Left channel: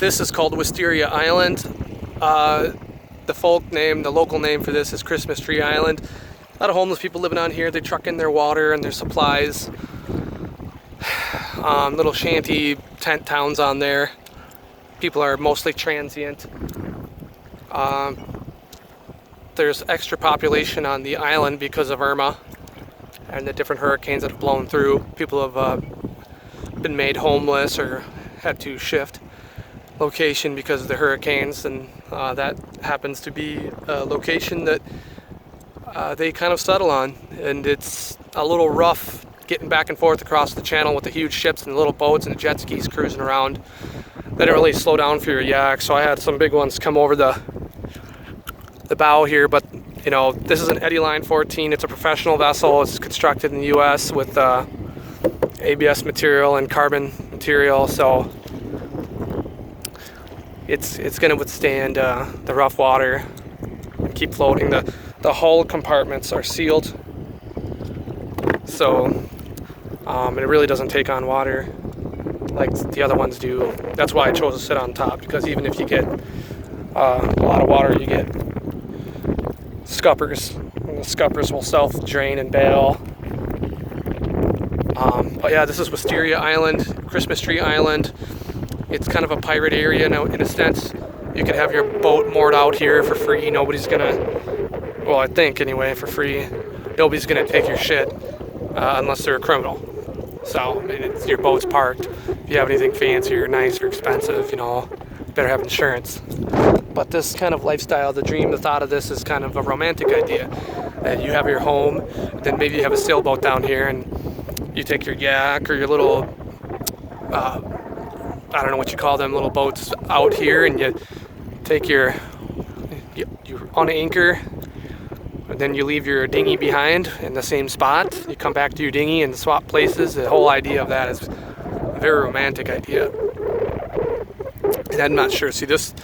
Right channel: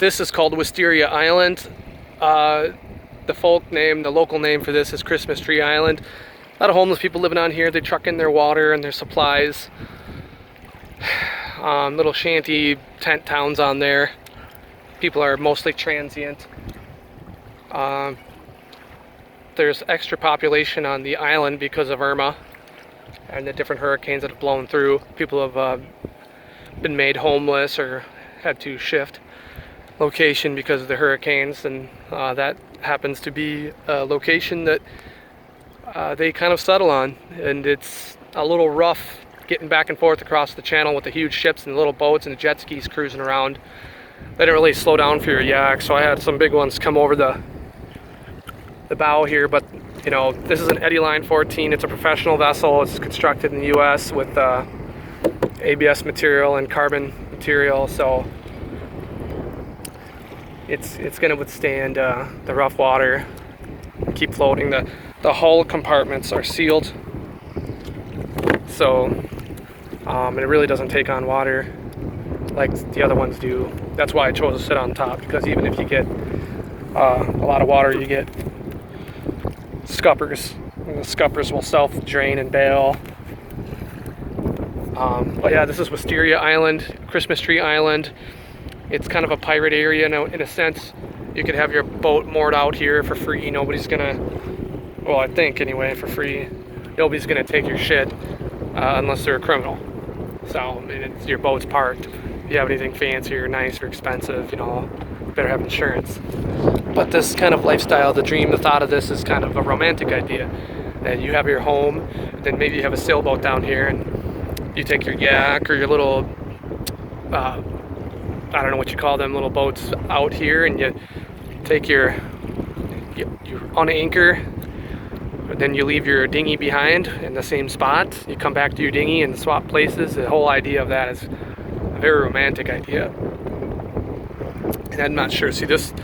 This is called Wisteria Island. The the local name for this is Christmas Tree Island. A lot of homeless people living on here. They truck in their water and their supplies. Little shanty tent towns on there. People are mostly transient. There's extra population on the island because of Irma and the different hurricanes that have blown through. People have been made homeless or had to shift location because of the hurricanes, and that happens to be a location that they kind of settle on, and it's a little rough getting back and forth across the channel with the huge ships and the little boats and the jet skis cruising around. They didn't really slow down for your yak, so I had some big ones come over the bow here, but you know, this is an Eddy Line 14. It's a professional vessel. It's constructed in the US with ABS material and carbon material, so it's going to withstand the rough water and keep floating. The hull compartments are sealed, so it really doesn't take on water like the other ones do. That's why I chose to sit on top, because even if you get a lot of water, you get scuppers, and the scuppers will self-drain and bail. But yeah, this is Wisteria Island, Christmas Tree Island. It's kind of a pirate area now, in a sense. You can have your boat moored out here for free. Nobody's gonna, well, I think anyway, for free. Nobody's gonna take your shit unless they're a criminal. So, I mean, your boat's parked. If you have anything fancy or nice or expensive, you know, you better have insurance. But this kind of lifestyle, the dream, the thought of this is kind of a romantic idea. And you have your home, then maybe you have a sailboat down here, and you take your yak or your little, I don't know what you call them, little boats out here, and you take you unanchor, and then you leave your dinghy behind in the same spot. You come back to your dinghy and swap places. The whole idea of that is a very romantic idea. And I'm not sure. See, this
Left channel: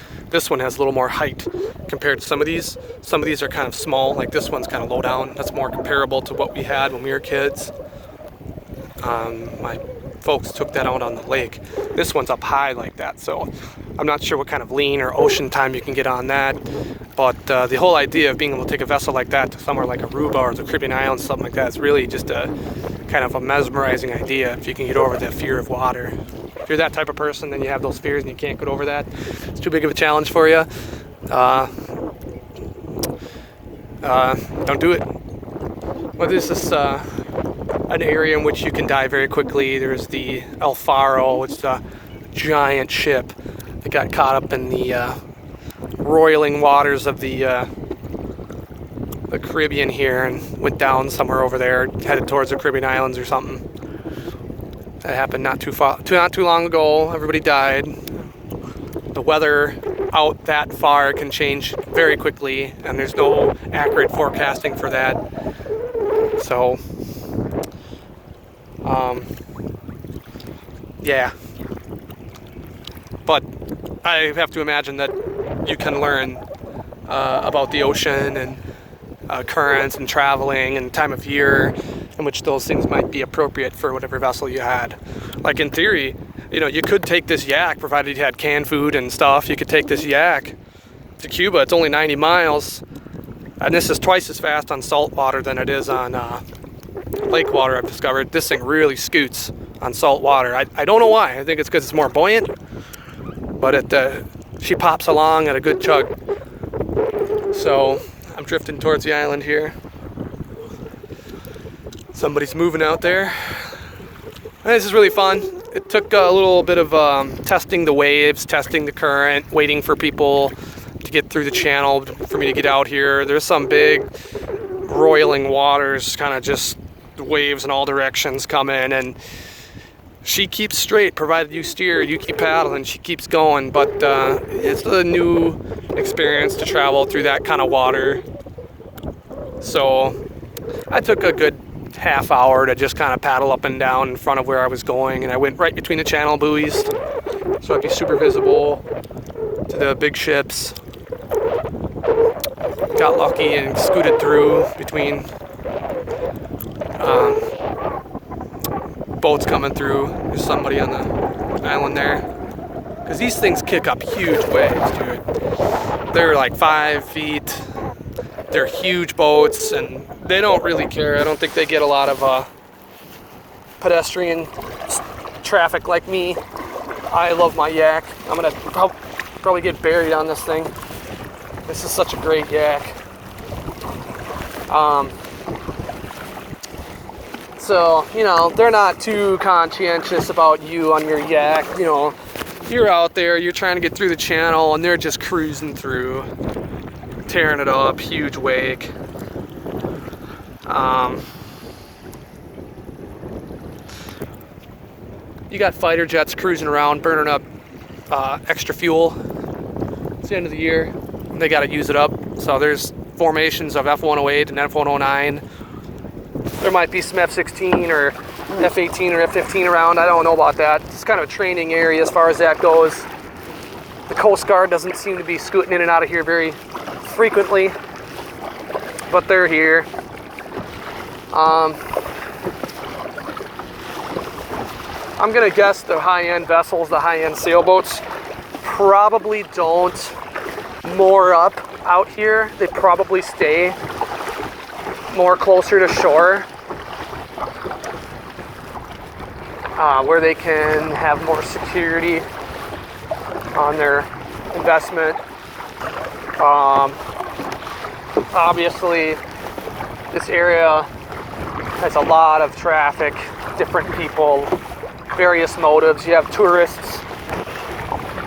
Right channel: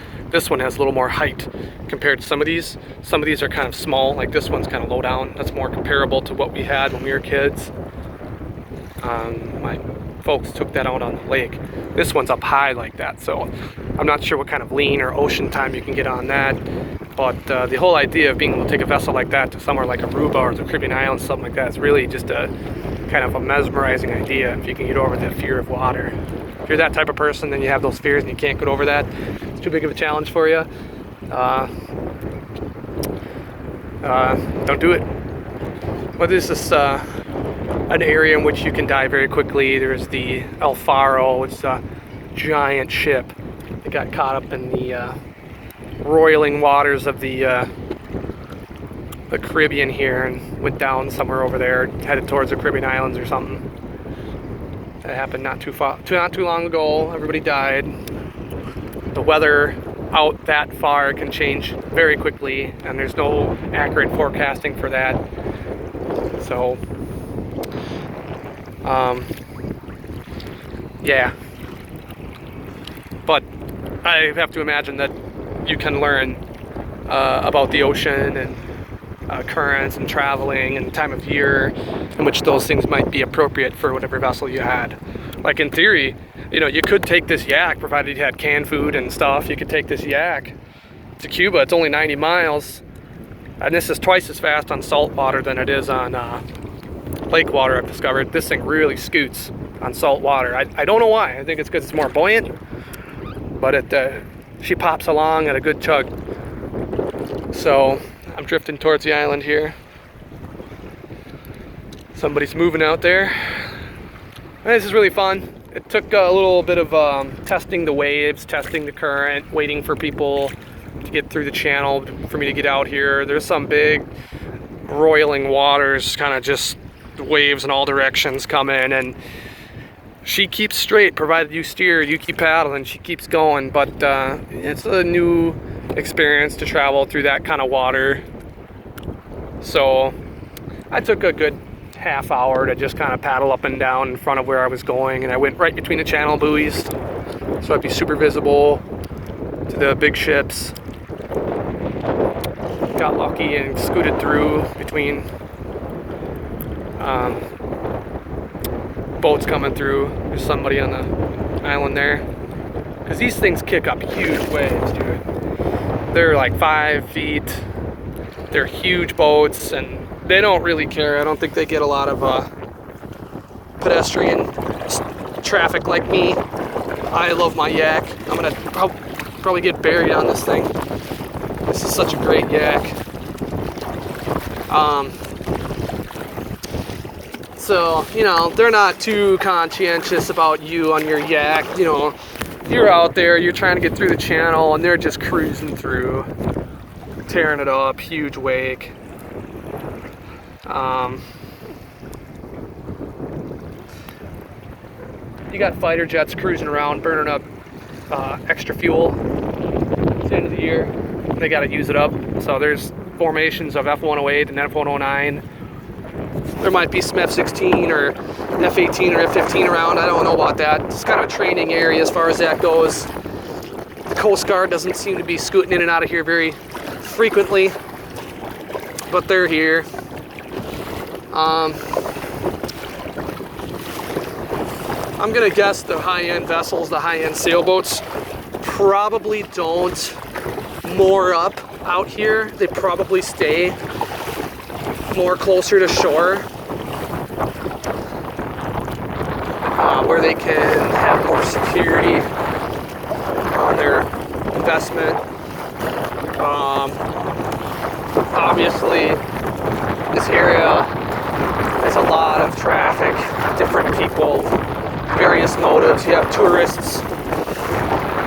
one has a little more height compared to some of these. Some of these are kind of small, like this one's kind of low down. That's more comparable to what we had when we were kids. My folks took that out on the lake. This one's up high like that, so I'm not sure what kind of lean or ocean time you can get on that. But the whole idea of being able to take a vessel like that to somewhere like Aruba or the Caribbean Islands, something like that, is really just a kind of a mesmerizing idea if you can get over that fear of water. If you're that type of person, then you have those fears and you can't get over that. It's too big of a challenge for you. Don't do it. But this is an area in which you can die very quickly. There's the El Faro. It's a giant ship. It got caught up in the roiling waters of the Caribbean here and went down somewhere over there, headed towards the Caribbean Islands or something. That happened not too long ago. Everybody died. The weather out that far can change very quickly, and there's no accurate forecasting for that. So, yeah. But I have to imagine that you can learn about the ocean and currents and traveling and time of year in which those things might be appropriate for whatever vessel you had. Like in theory, you know, you could take this yak, provided you had canned food and stuff. You could take this yak to Cuba. It's only 90 miles, and this is twice as fast on salt water than it is on lake water. I've discovered this thing really scoots on salt water. I don't know why. I think it's because it's more buoyant, but she pops along at a good chug. So I'm drifting towards the island here. Somebody's moving out there. This is really fun. It took a little bit of testing the waves, testing the current, waiting for people to get through the channel for me to get out here. There's some big roiling waters, kind of just waves in all directions coming, and she keeps straight, provided you steer, you keep paddling, she keeps going. But it's a new experience to travel through that kind of water. So I took a good half hour to just kind of paddle up and down in front of where I was going, and I went right between the channel buoys, so I'd be super visible to the big ships. Got lucky and scooted through between boats coming through. There's somebody on the island there. because these things kick up huge waves, dude. They're like 5 feet. They're huge boats, and they don't really care. I don't think they get a lot of pedestrian traffic like me. I love my yak. I'm gonna probably get buried on this thing. This is such a great yak. So, you know, they're not too conscientious about you on your yak. You know, you're out there, you're trying to get through the channel, and they're just cruising through, tearing it up, huge wake. You got fighter jets cruising around, burning up extra fuel. It's the end of the year. They got to use it up. So there's formations of F-108 and F-109. There might be some F-16 or F-18 or F-15 around. I don't know about that. It's kind of a training area as far as that goes. The Coast Guard doesn't seem to be scooting in and out of here very frequently, but they're here. I'm gonna guess the high-end vessels, the high-end sailboats, probably don't moor up out here. They probably stay more closer to shore, where they can have more security on their investment. Obviously, this area has a lot of traffic, different people, various motives. You have tourists.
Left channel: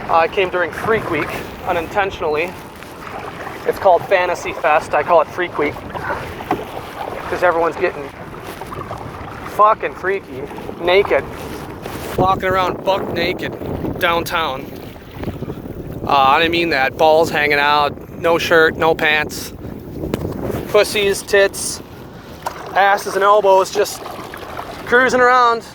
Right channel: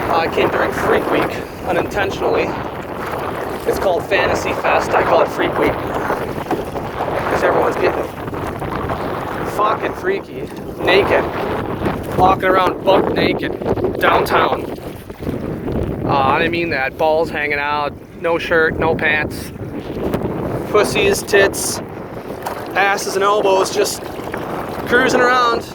I came during Freak Week unintentionally. It's called Fantasy Fest. I call it Freak Week because everyone's getting fucking freaky, naked, walking around buck naked downtown. I didn't mean that. Balls hanging out, no shirt, no pants, pussies, tits, asses, and elbows just cruising around,